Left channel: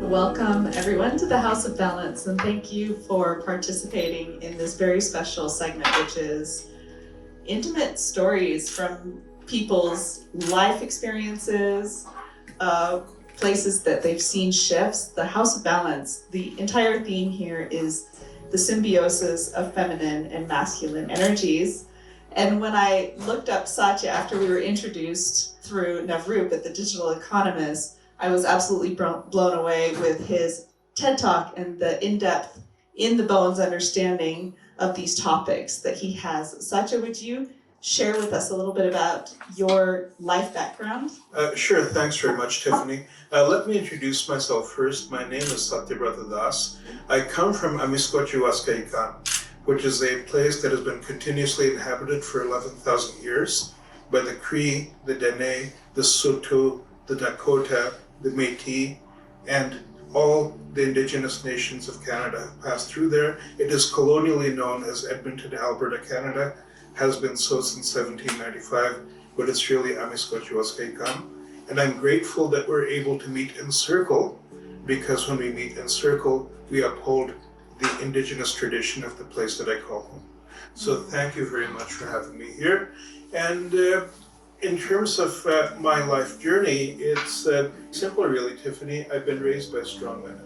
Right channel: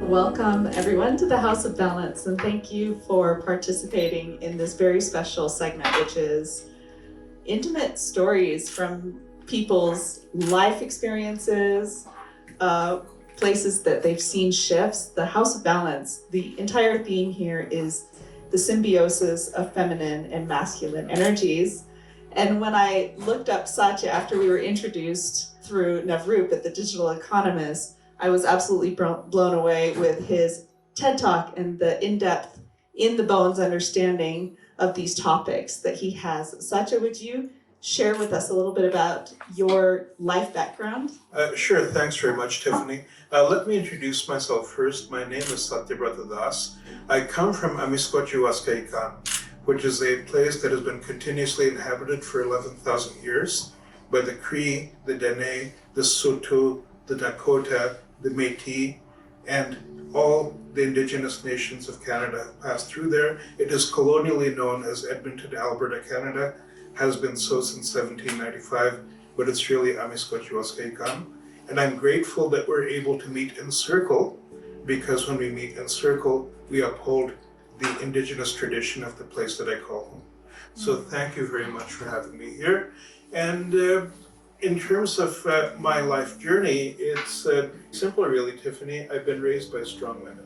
Welcome everyone to the House of Balance, and thank you for participating in this very special segment, which is intimate stories from people's life experiences, places that they've seen shifts. The House of Balance, the entire theme here is the symbiosis of feminine and masculine energies. And when I looked up Satya after we were introduced through Navroop at the Digital Economist, I was absolutely blown away with his TED Talk and the in-depth, in the bones understanding of these topics that he has. Satya, would you share with us a little bit about your life background? Sure, thanks very much, Tiffany. Let me introduce myself first. My name is Satya Brata. I come from Amiskochiwaskaikan, which is a place that has been continuously inhabited for 11,000 years by the Cree, the Dene, the Saulteaux, the Dakota, the Métis, and all the Indigenous nations of Canada passed through there. It is colonially known as Edmonton, Alberta, Canada, has been so since 1795, but it's really Amiskochiwaskaikan. And I'm grateful that we're able to meet in circle, because when we meet in circle, we uphold the Indigenous tradition of the place that I call home. So thank you very much for having me here. And in terms of my life journey, it's simple really, Tiffany. I've been raised by strong women.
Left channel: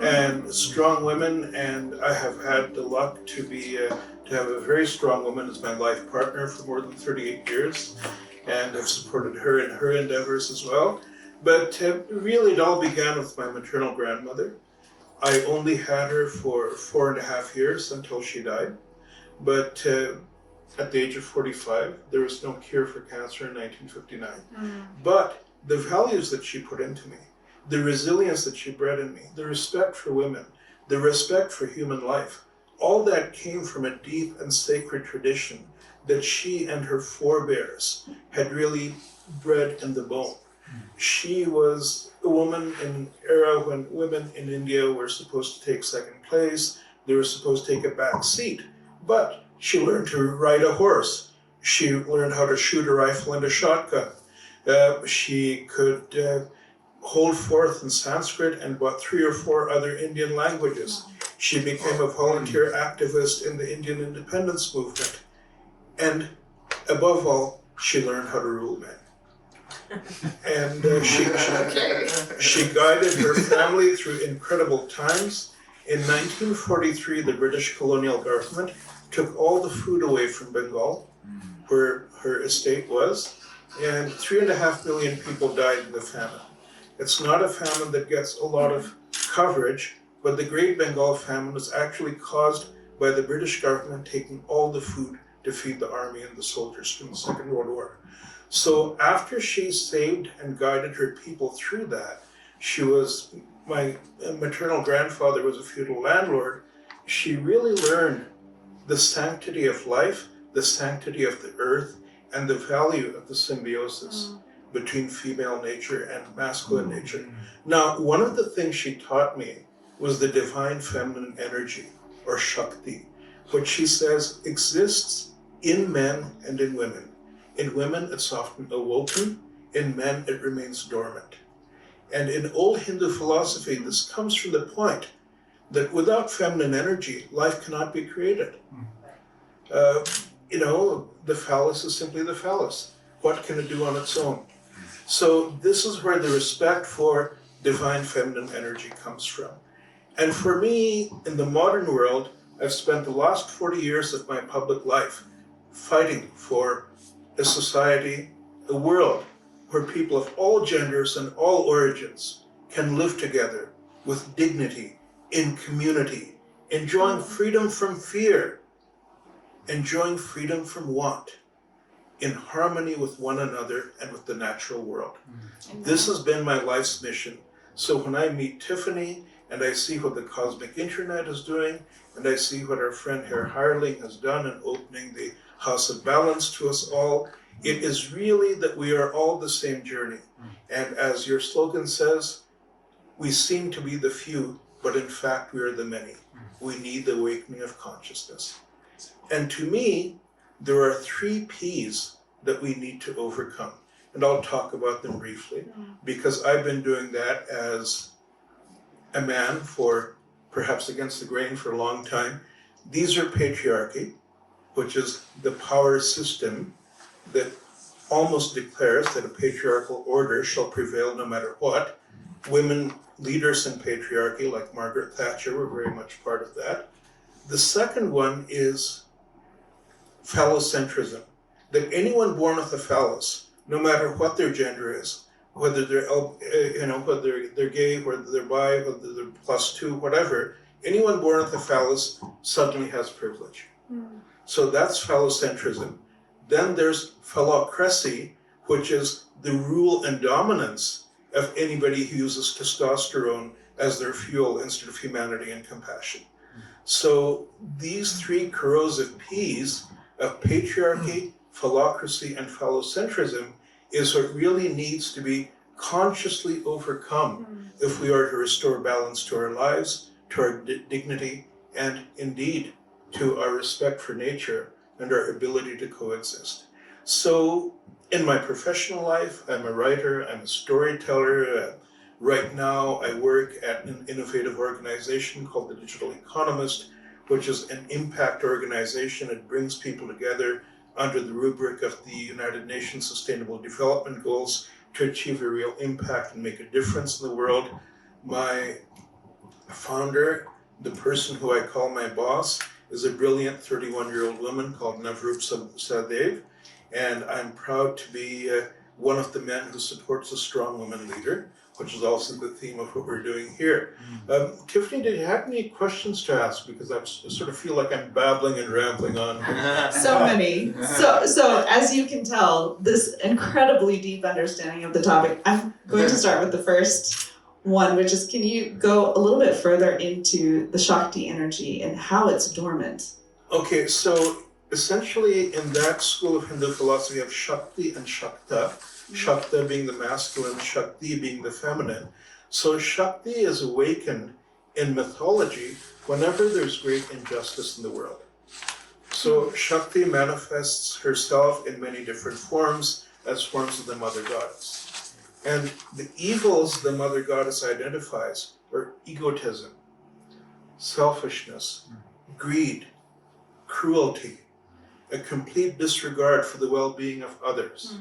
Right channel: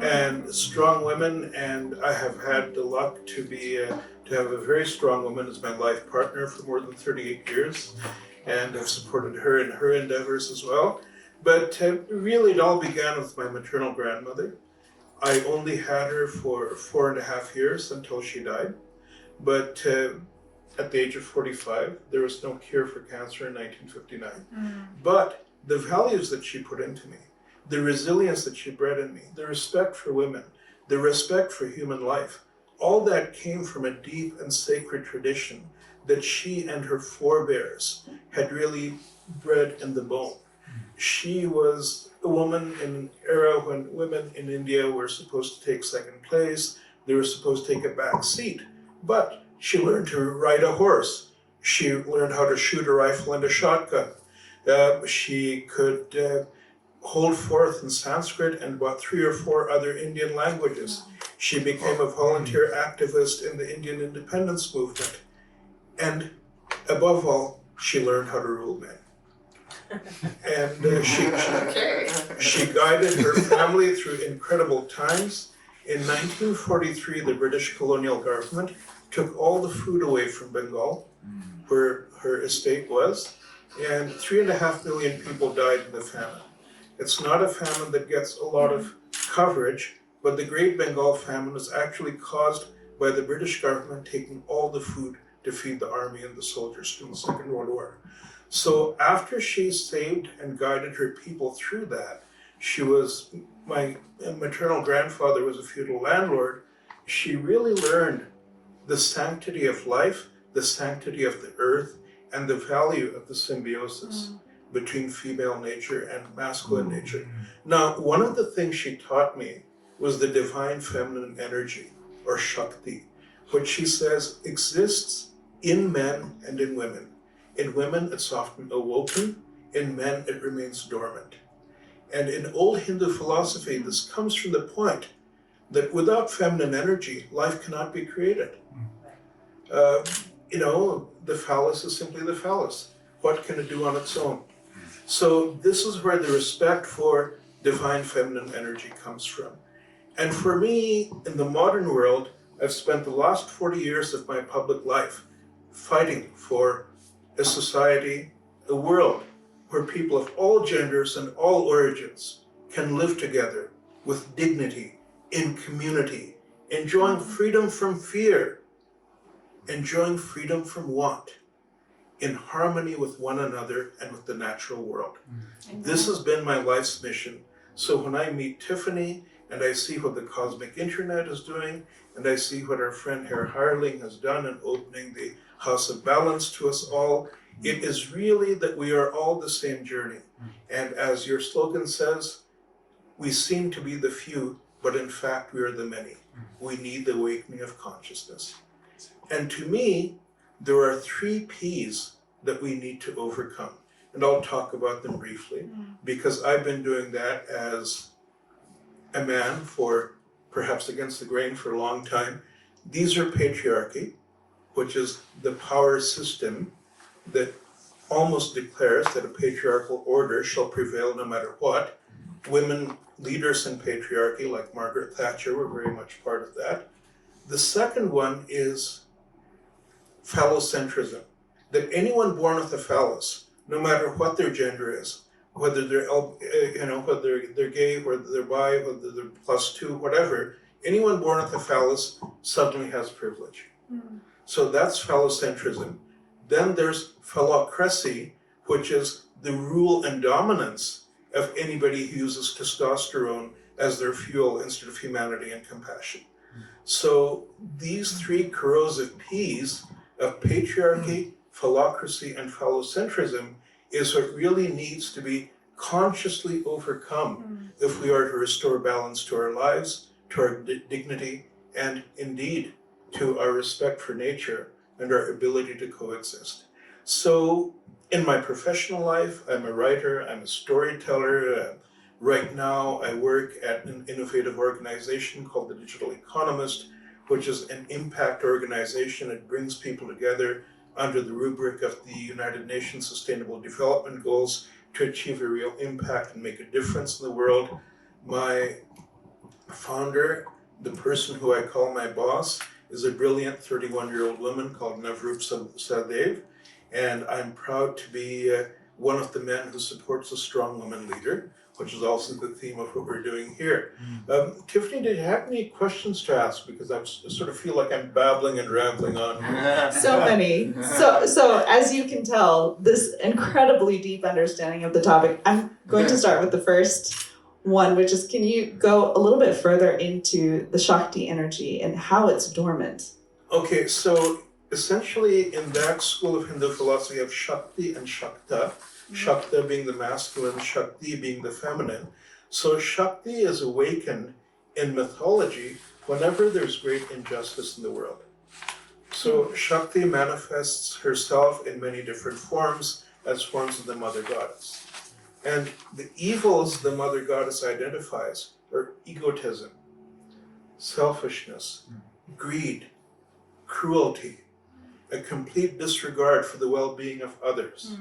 And strong women, and I have had the luck to have a very strong woman as my life partner for more than 38 years. And I've supported her in her endeavors as well. But really it all began with my maternal grandmother. I only had her for 4.5 years until she died. But at the age of 45, there was no cure for cancer in 1959. But the values that she put into me, the resilience that she bred in me, the respect for women, the respect for human life, all that came from a deep and sacred tradition that she and her forebears had really bred in the bone. She was a woman in an era when women in India were supposed to take second place, they were supposed to take a back seat, but she learned to ride a horse. She learned how to shoot a rifle and a shotgun. She could hold forth in Sanskrit and about 3 or 4 other Indian languages. She became a volunteer activist in the Indian independence movement. And above all, she learned how to rule men. And she guided her family through incredible times. In 1943, the British colonial government took all the food away from Bengal, where her estate was, and 3.5 million people died in the famine. It's not a famine that gets a lot of coverage, but the Great Bengal Famine was actually caused by the British government taking all the food to feed the army and the soldiers in the Second World War. So after she saved and guided her people through that, my maternal grandfather was a feudal landlord. She really learned the sanctity of life, the sanctity of the earth, and the value of the symbiosis between female nature and masculine nature. Now, one of the things she taught me was the divine feminine energy, or Shakti, which she says exists in men and in women. In women, it's often awoken. In men, it remains dormant. And in old Hindu philosophy, this comes from the point that without feminine energy, life cannot be created. The phallus is simply the phallus. What can it do on its own? So this is where the respect for divine feminine energy comes from. And for me, in the modern world, I've spent the last 40 years of my public life fighting for a society, a world where people of all genders and all origins can live together with dignity, in community, enjoying freedom from fear, enjoying freedom from want, in harmony with one another and with the natural world. This has been my life's mission. So when I meet Tiffany and I see what the cosmic internet is doing, and I see what our friend Herr Hirling has done in opening the House of Balance to us all, it is really that we are all the same journey. And as your slogan says, we seem to be the few, but in fact we are the many. We need the awakening of consciousness. And to me, there are 3 P's that we need to overcome. And I'll talk about them briefly, because I've been doing that as a man for perhaps against the grain for a long time. These are patriarchy, which is the power system that almost declares that a patriarchal order shall prevail no matter what. Women leaders in patriarchy, like Margaret Thatcher, were very much part of that. The second one is phallocentrism, that anyone born with a phallus, no matter what their gender is, whether they're whether they're gay, whether they're bi, whether they're +2, whatever, anyone born with a phallus suddenly has privilege. So that's phallocentrism. Then there's phallocracy, which is the rule and dominance of anybody who uses testosterone as their fuel instead of humanity and compassion. So these three corrosive P's of patriarchy, phallocracy, and phallocentrism is what really needs to be consciously overcome if we are to restore balance to our lives, to our dignity, and indeed to our respect for nature and our ability to coexist. So in my professional life, I'm a writer, I'm a storyteller. Right now, I work at an innovative organization called the Digital Economist, which is an impact organization. It brings people together under the rubric of the United Nations Sustainable Development Goals to achieve a real impact and make a difference in the world. My founder, the person who I call my boss, is a brilliant 31-year-old woman called Navroop Sadev, and I'm proud to be one of the men who supports a strong woman leader, which is also the theme of what we're doing here. Tiffany, do you have any questions to ask? Because I sort of feel like I'm babbling and rambling on. So many. So as you can tell, this incredibly deep understanding of the topic. I'm going to start with the first one, which is, can you go a little bit further into the Shakti energy and how it's dormant? Okay, so essentially in that school of Hindu philosophy of Shakti and Shakta, Shakta being the masculine, Shakti being the feminine. So Shakti is awakened in mythology whenever there's great injustice in the world. So Shakti manifests herself in many different forms as forms of the mother goddess. And the evils the mother goddess identifies are egotism, selfishness, greed, cruelty, a complete disregard for the well-being of others.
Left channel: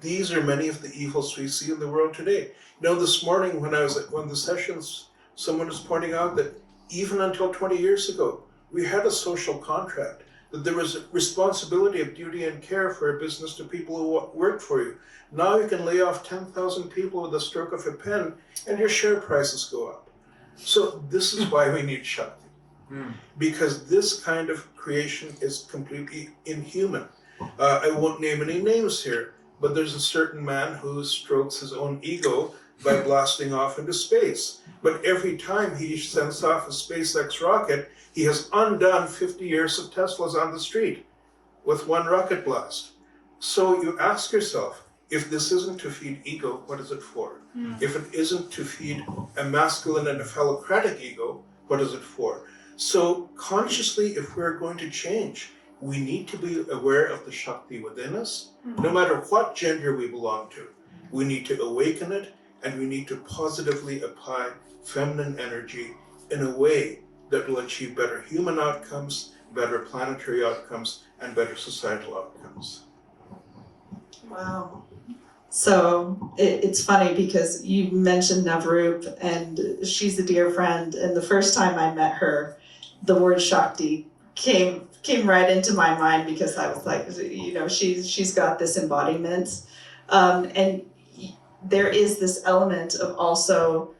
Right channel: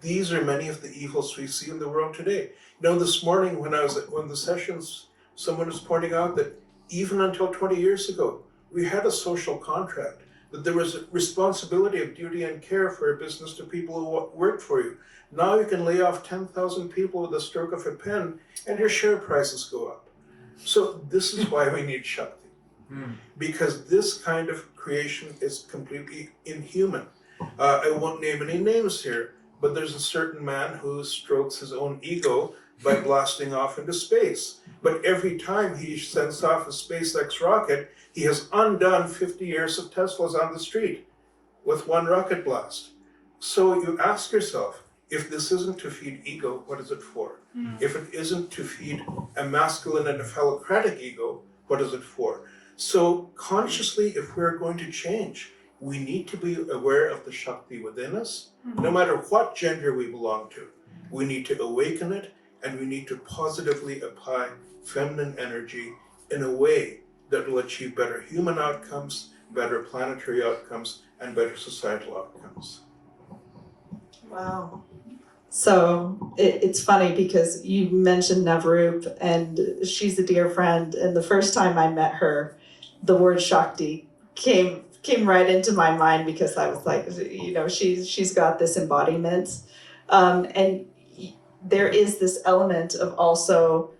These are many of the evils we see in the world today. You know, this morning when I was at one of the sessions, someone was pointing out that even until 20 years ago, we had a social contract, that there was a responsibility of duty and care for a business to people who worked for you. Now you can lay off 10,000 people with a stroke of a pen and your share prices go up. So this is why we need Shakti, because this kind of creation is completely inhuman. I won't name any names here, but there's a certain man who strokes his own ego by blasting off into space. But every time he sends off a SpaceX rocket, he has undone 50 years of Teslas on the street with one rocket blast. So you ask yourself, if this isn't to feed ego, what is it for? If it isn't to feed a masculine and a phallocratic ego, what is it for? So consciously, if we're going to change, we need to be aware of the Shakti within us, no matter what gender we belong to. We need to awaken it, and we need to positively apply feminine energy in a way that will achieve better human outcomes, better planetary outcomes, and better societal outcomes. Wow. So it's funny because you mentioned Navroop, and she's a dear friend, and the first time I met her, the word Shakti came right into my mind because I was like, you know, she's got this embodiment, and there is this element of also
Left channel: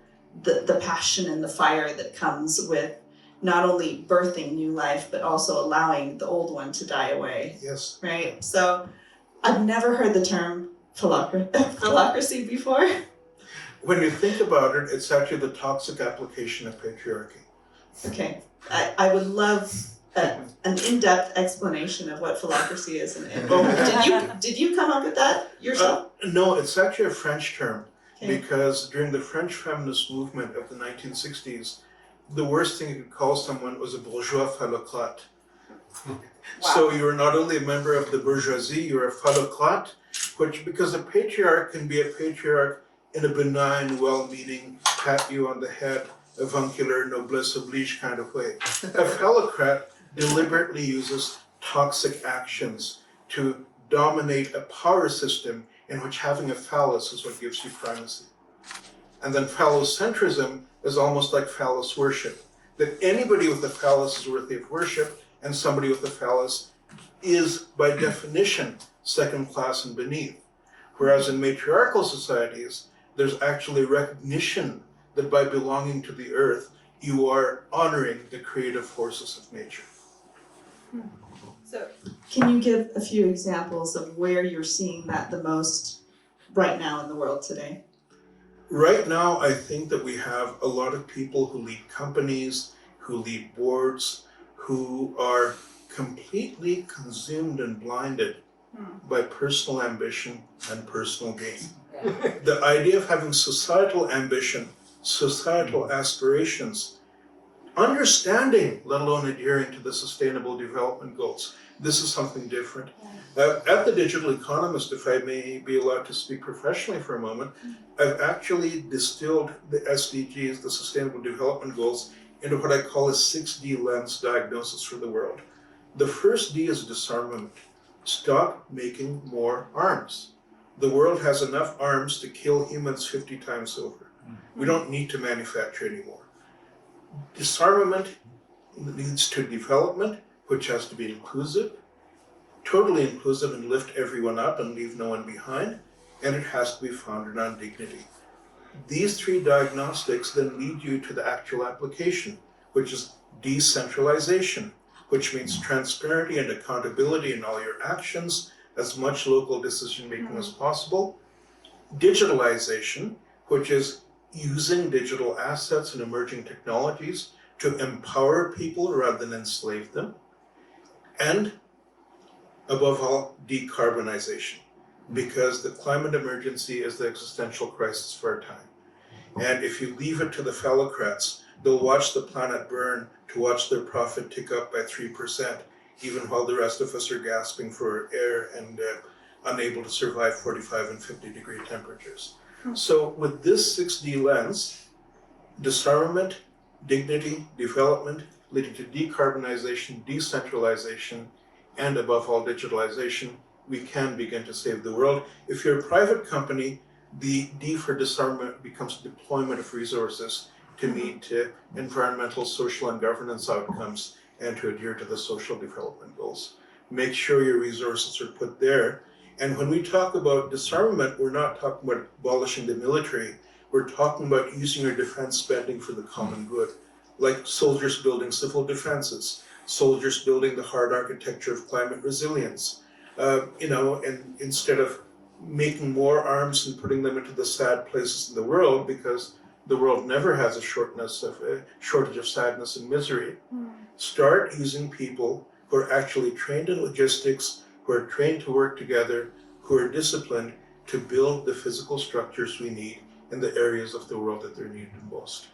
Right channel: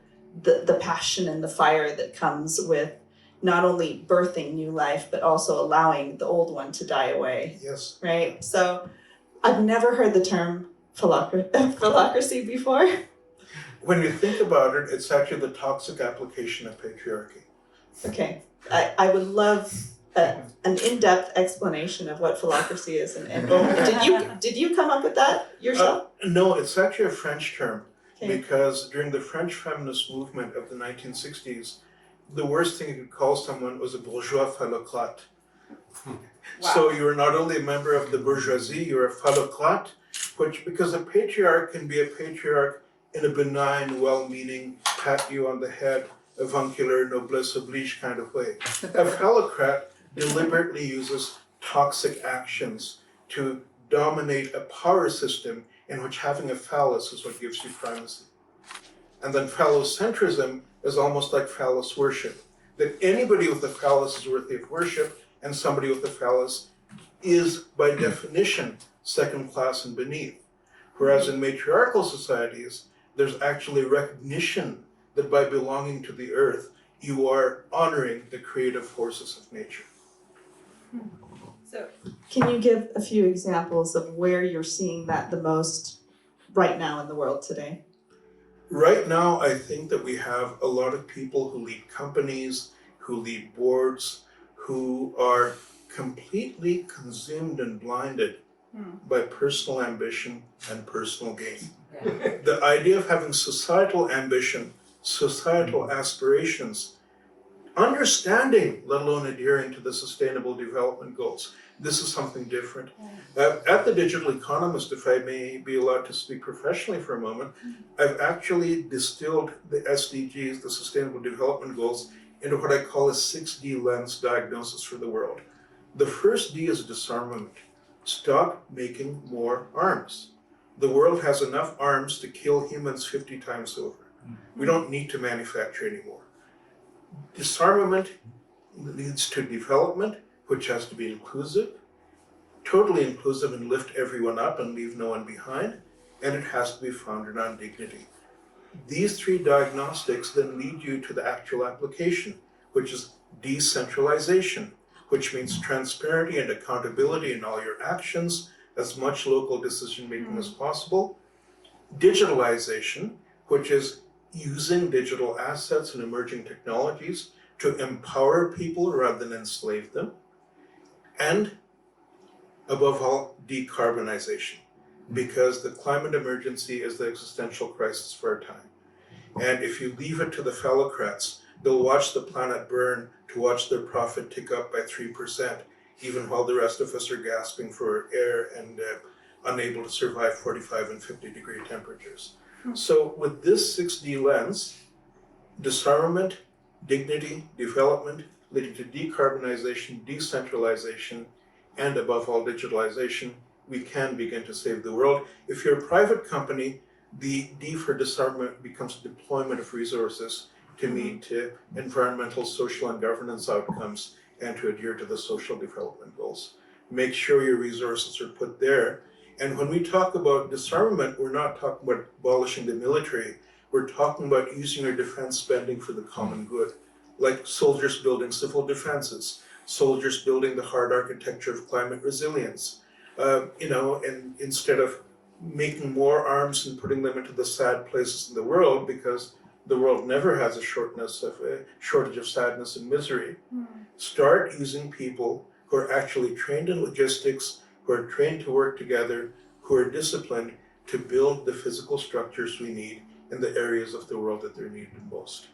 the passion and the fire that comes with not only birthing new life, but also allowing the old one to die away. Yes. Right? So I've never heard the term phallocracy before. When you think about it, it's actually the toxic application of patriarchy. Okay. I would love an in-depth explanation of what phallocracy is. And did you come up with that yourself? No, it's actually a French term, Okay. because during the French feminist movement of the 1960s, the worst thing you could call someone was a bourgeois phallocrate. Wow. So you are not only a member of the bourgeoisie, you're a phallocrate, which, because a patriarch can be a patriarch in a benign, well-meaning, pat you on the head, avuncular, noblesse oblige kind of way. A phallocrat deliberately uses toxic actions to dominate a power system in which having a phallus is what gives you primacy. And then phallocentrism is almost like phallus worship, that anybody with a phallus is worthy of worship, and somebody with a phallus is, by definition, second class and beneath. Whereas in matriarchal societies, there's actually recognition that by belonging to the earth, you are honoring the creative forces of nature. So, can you give a few examples of where you're seeing that the most right now in the world today? Right now, I think that we have a lot of people who lead companies, who lead boards, who are completely consumed and blinded by personal ambition and personal gain. The idea of having societal ambition, societal aspirations, understanding, let alone adhering to the Sustainable Development Goals, this is something different. At the Digital Economist, if I may be allowed to speak professionally for a moment, I've actually distilled the SDGs, the Sustainable Development Goals, into what I call a 6D lens diagnosis for the world. The first D is disarmament. Stop making more arms. The world has enough arms to kill humans 50 times over. We don't need to manufacture anymore. Disarmament leads to development, which has to be inclusive, totally inclusive and lift everyone up and leave no one behind, and it has to be founded on dignity. These three diagnostics then lead you to the actual application, which is decentralization, which means transparency and accountability in all your actions, as much local decision-making as possible. Digitalization, which is using digital assets and emerging technologies to empower people rather than enslave them. And above all, decarbonization, because the climate emergency is the existential crisis for our time. And if you leave it to the phallocrats, they'll watch the planet burn to watch their profit tick up by 3%, even while the rest of us are gasping for air and unable to survive 45 and 50-degree temperatures. So with this 6D lens, disarmament, dignity, development, leading to decarbonization, decentralization, and above all, digitalization, we can begin to save the world. If you're a private company, the D for disarmament becomes deployment of resources to meet environmental, social, and governance outcomes and to adhere to the social development goals. Make sure your resources are put there. And when we talk about disarmament, we're not talking about abolishing the military. We're talking about using your defense spending for the common good, like soldiers building civil defenses, soldiers building the hard architecture of climate resilience, and instead of making more arms and putting them into the sad places in the world, because the world never has a shortage of sadness and misery. Start using people who are actually trained in logistics, who are trained to work together, who are disciplined to build the physical structures we need in the areas of the world that they're needed most.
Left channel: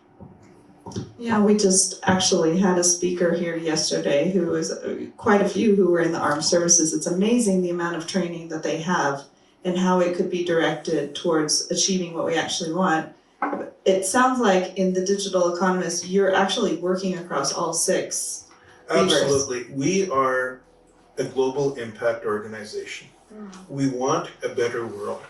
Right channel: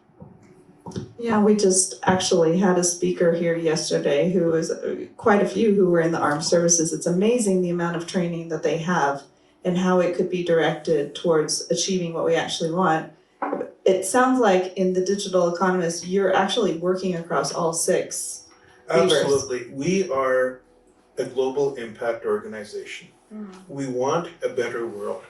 Yeah, we just actually had a speaker here yesterday who was quite a few who were in the armed services. It's amazing the amount of training that they have and how it could be directed towards achieving what we actually want. It sounds like in the Digital Economist, you're actually working across all six levers. Absolutely. We are a global impact organization. We want a better world.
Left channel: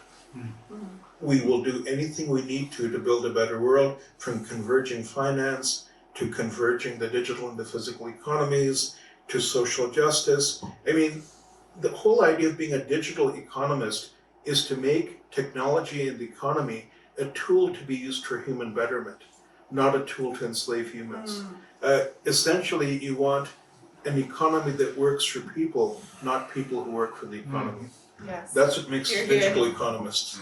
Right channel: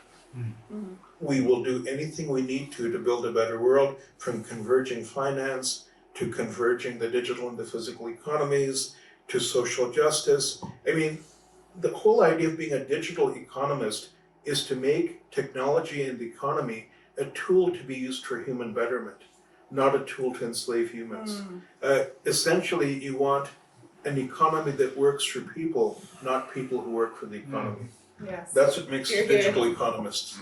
We will do anything we need to build a better world, from converging finance to converging the digital and the physical economies to social justice. I mean, the whole idea of being a digital economist is to make technology and the economy a tool to be used for human betterment, not a tool to enslave humans. Essentially, you want an economy that works for people, not people who work for the economy. Yes. That's what makes us digital economists.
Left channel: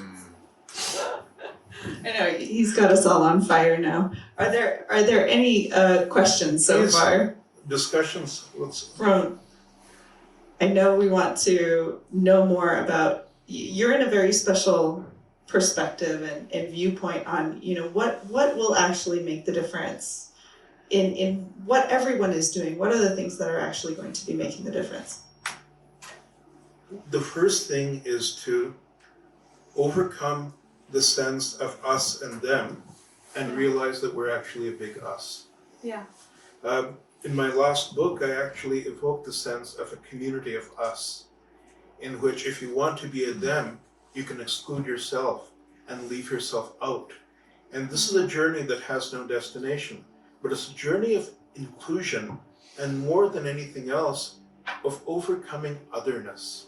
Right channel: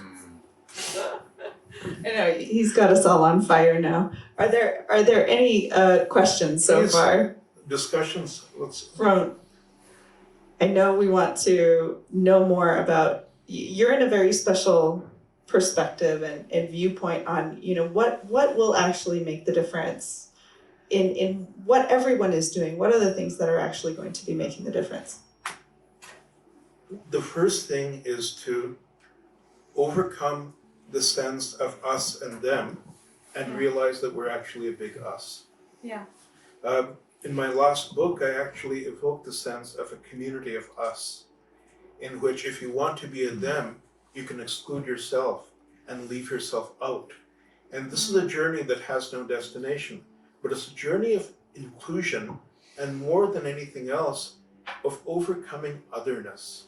I know, he's got us all on fire now. Are there any questions so Please. far? Discussions? I know we want to know more about, you're in a very special perspective and viewpoint on, what will actually make the difference in what everyone is doing. What are the things that are actually going to be making the difference? The first thing is to overcome the sense of us and them and realize that we're actually a big us. Yeah. In my last book, I actually evoked the sense of a community of us, in which if you want to be a them, you can exclude yourself and leave yourself out. And this is a journey that has no destination, but it's a journey of inclusion and, more than anything else, of overcoming otherness,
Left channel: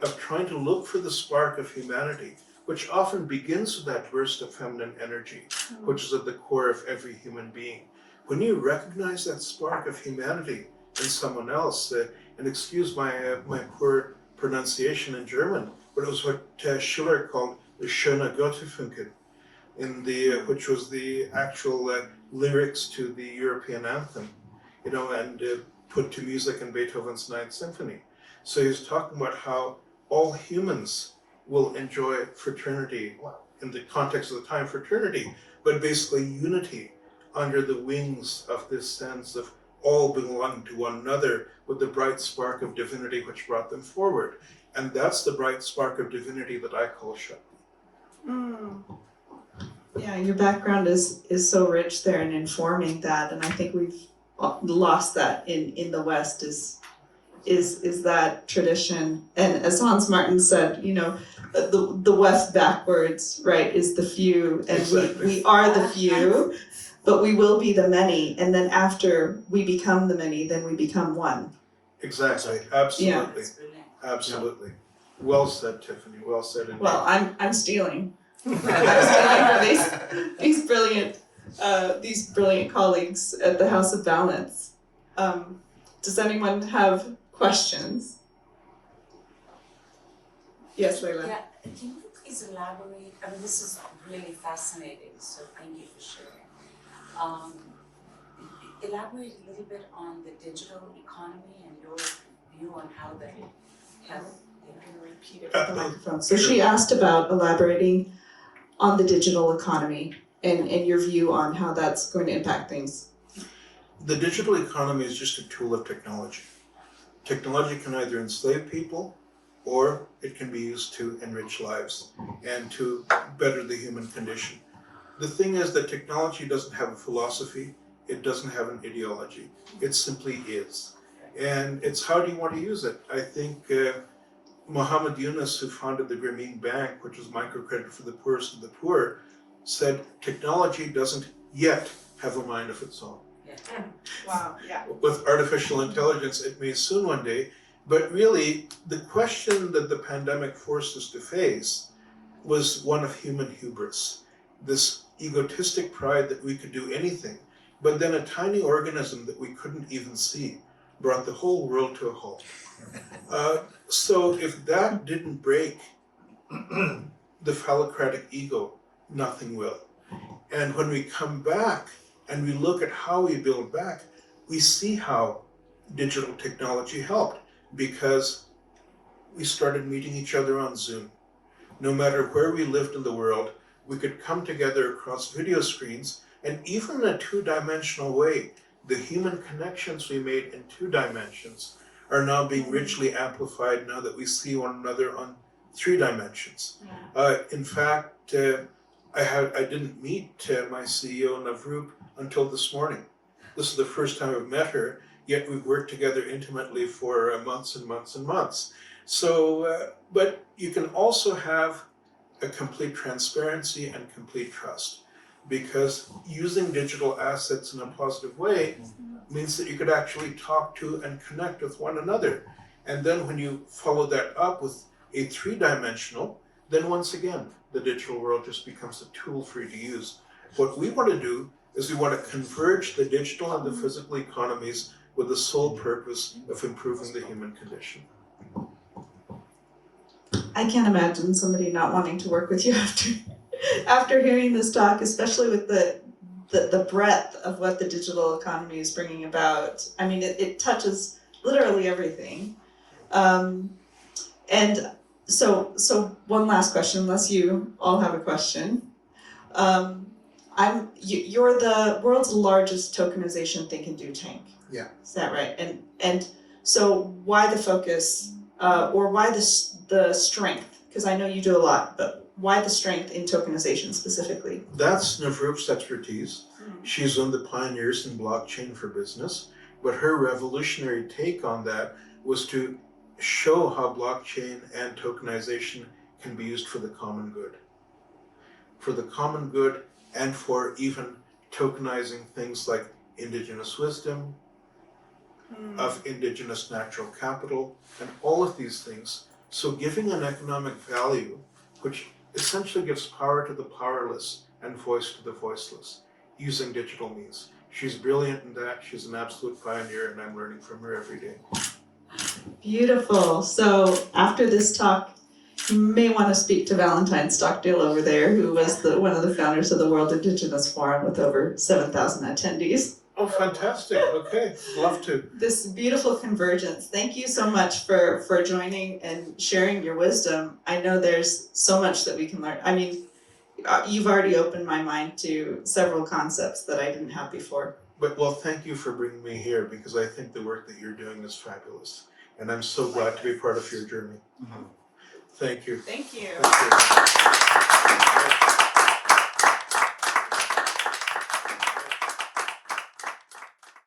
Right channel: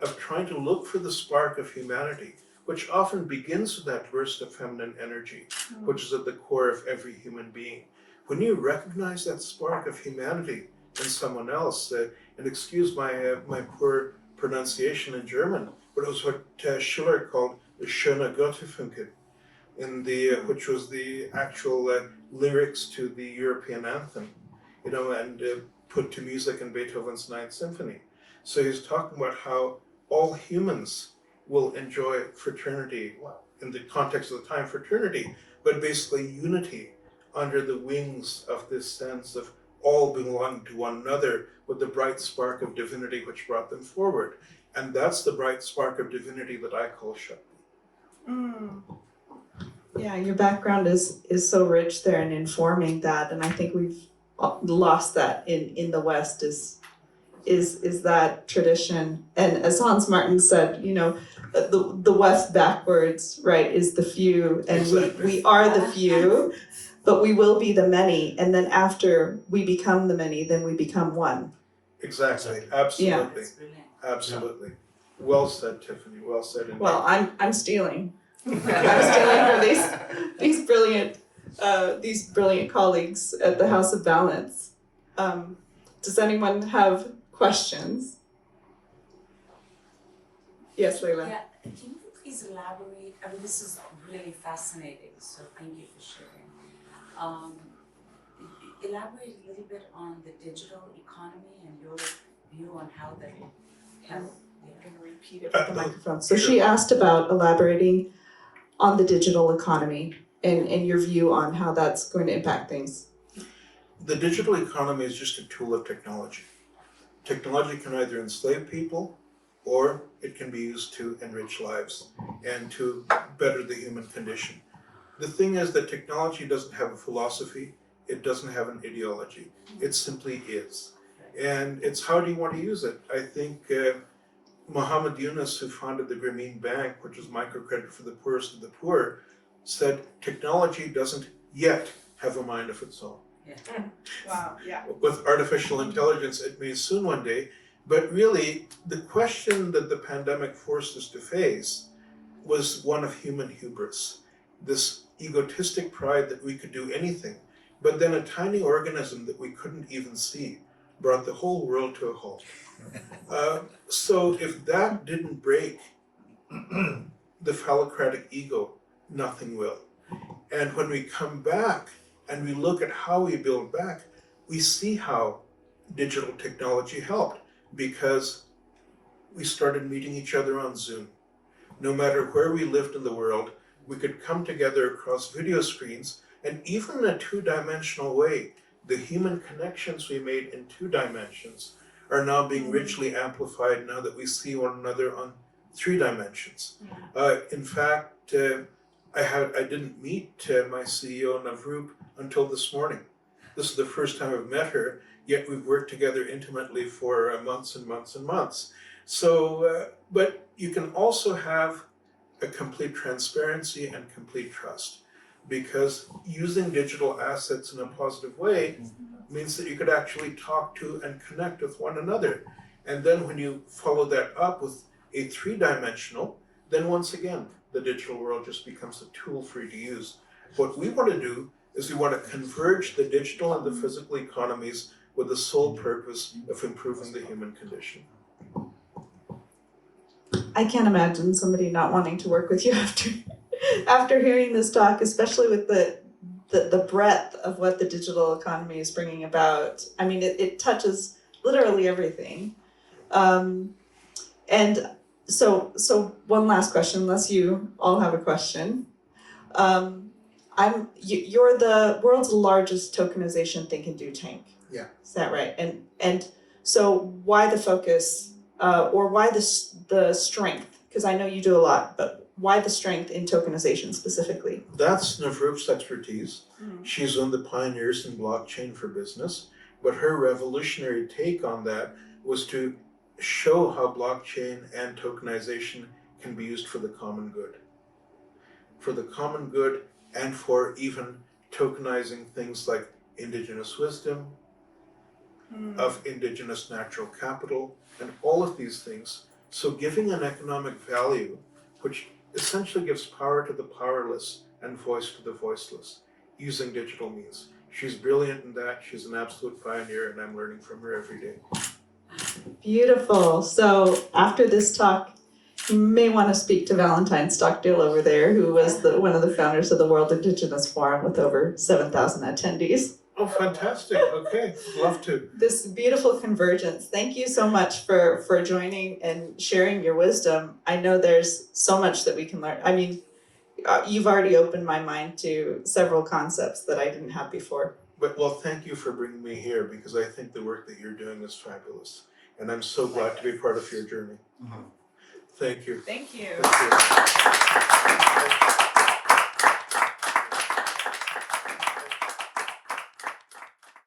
of trying to look for the spark of humanity, which often begins with that burst of feminine energy, which is at the core of every human being. When you recognize that spark of humanity in someone else, and excuse my poor pronunciation in German, but it was what Schiller called the schöne Gottesfunke, which was the actual lyrics to the European anthem, and put to music in Beethoven's Ninth Symphony. So he's talking about how all humans will enjoy fraternity, in the context of the time, fraternity, but basically unity under the wings of this sense of all belonging to one another with the bright spark of divinity which brought them forward. And that's the bright spark of divinity that I call Shakti. Yeah, your background is so rich there in informing that, and I think we've lost that in the West is that tradition. And as Hans Martin said, the West backwards, right, is the few, and Exactly. we are the few, but we will be the many, and then after we become the many, then we become one. Exactly. Absolutely. Absolutely. Well said, Tiffany. Well said indeed. Well, I'm stealing. I'm stealing for these brilliant colleagues at the House of Balance. Does anyone have questions? Yes, Leila. Yeah, can you please elaborate? I mean, this is really fascinating, so thank you for sharing. Elaborate a little bit on the digital economy and your view on how they help. I'm going to repeat it with the microphone. So she asked about elaborating on the digital economy and your view on how that's going to impact things. The digital economy is just a tool of technology. Technology can either enslave people or it can be used to enrich lives and to better the human condition. The thing is that technology doesn't have a philosophy, it doesn't have an ideology, it simply is. And it's how do you want to use it? I think Muhammad Yunus, who founded the Grameen Bank, which is microcredit for the poorest of the poor, said technology doesn't yet have a mind of its own. Wow, yeah. With artificial intelligence, it may soon one day, but really the question that the pandemic forced us to face was one of human hubris, this egotistic pride that we could do anything, but then a tiny organism that we couldn't even see brought the whole world to a halt. So if that didn't break the phallocratic ego, nothing will. And when we come back and we look at how we build back, we see how digital technology helped, because we started meeting each other on Zoom. No matter where we lived in the world, we could come together across video screens, and even in a two-dimensional way, the human connections we made in 2 dimensions are now being richly amplified now that we see one another on 3 dimensions. In fact, I didn't meet my CEO Navroop until this morning. This is the first time I've met her, yet we've worked together intimately for months and months and months. So, but you can also have a complete transparency and complete trust, because using digital assets in a positive way means that you could actually talk to and connect with one another. And then when you follow that up with a 3-dimensional, then once again, the digital world just becomes a tool for you to use. What we want to do is we want to converge the digital and the physical economies with the sole purpose of improving the human condition. I can't imagine somebody not wanting to work with you after hearing this talk, especially with the breadth of what the digital economy is bringing about. I mean, it touches literally everything. And so one last question, unless you all have a question. You're the world's largest tokenization think and do tank. Yeah. Is that right? And so why the focus, or why the strength? Because I know you do a lot, but why the strength in tokenization specifically? That's Navroop's expertise. She's one of the pioneers in blockchain for business, but her revolutionary take on that was to show how blockchain and tokenization can be used for the common good. For the common good, and for even tokenizing things like indigenous wisdom, of indigenous natural capital, and all of these things. So giving an economic value, which essentially gives power to the powerless and voice to the voiceless, using digital means. She's brilliant in that. She's an absolute pioneer, and I'm learning from her every day. Beautiful. So after this talk, you may want to speak to Valentine Stockdale over there, who was one of the founders of the World Indigenous Forum with over 7,000 attendees. Oh, fantastic. Okay, love to. This beautiful convergence. Thank you so much for joining and sharing your wisdom. I know there's so much that we can learn. I mean, you've already opened my mind to several concepts that I didn't have before. But well, thank you for bringing me here, because I think the work that you're doing is fabulous. And I'm so glad to be part of your journey. Thank you. Thank you. Thank you.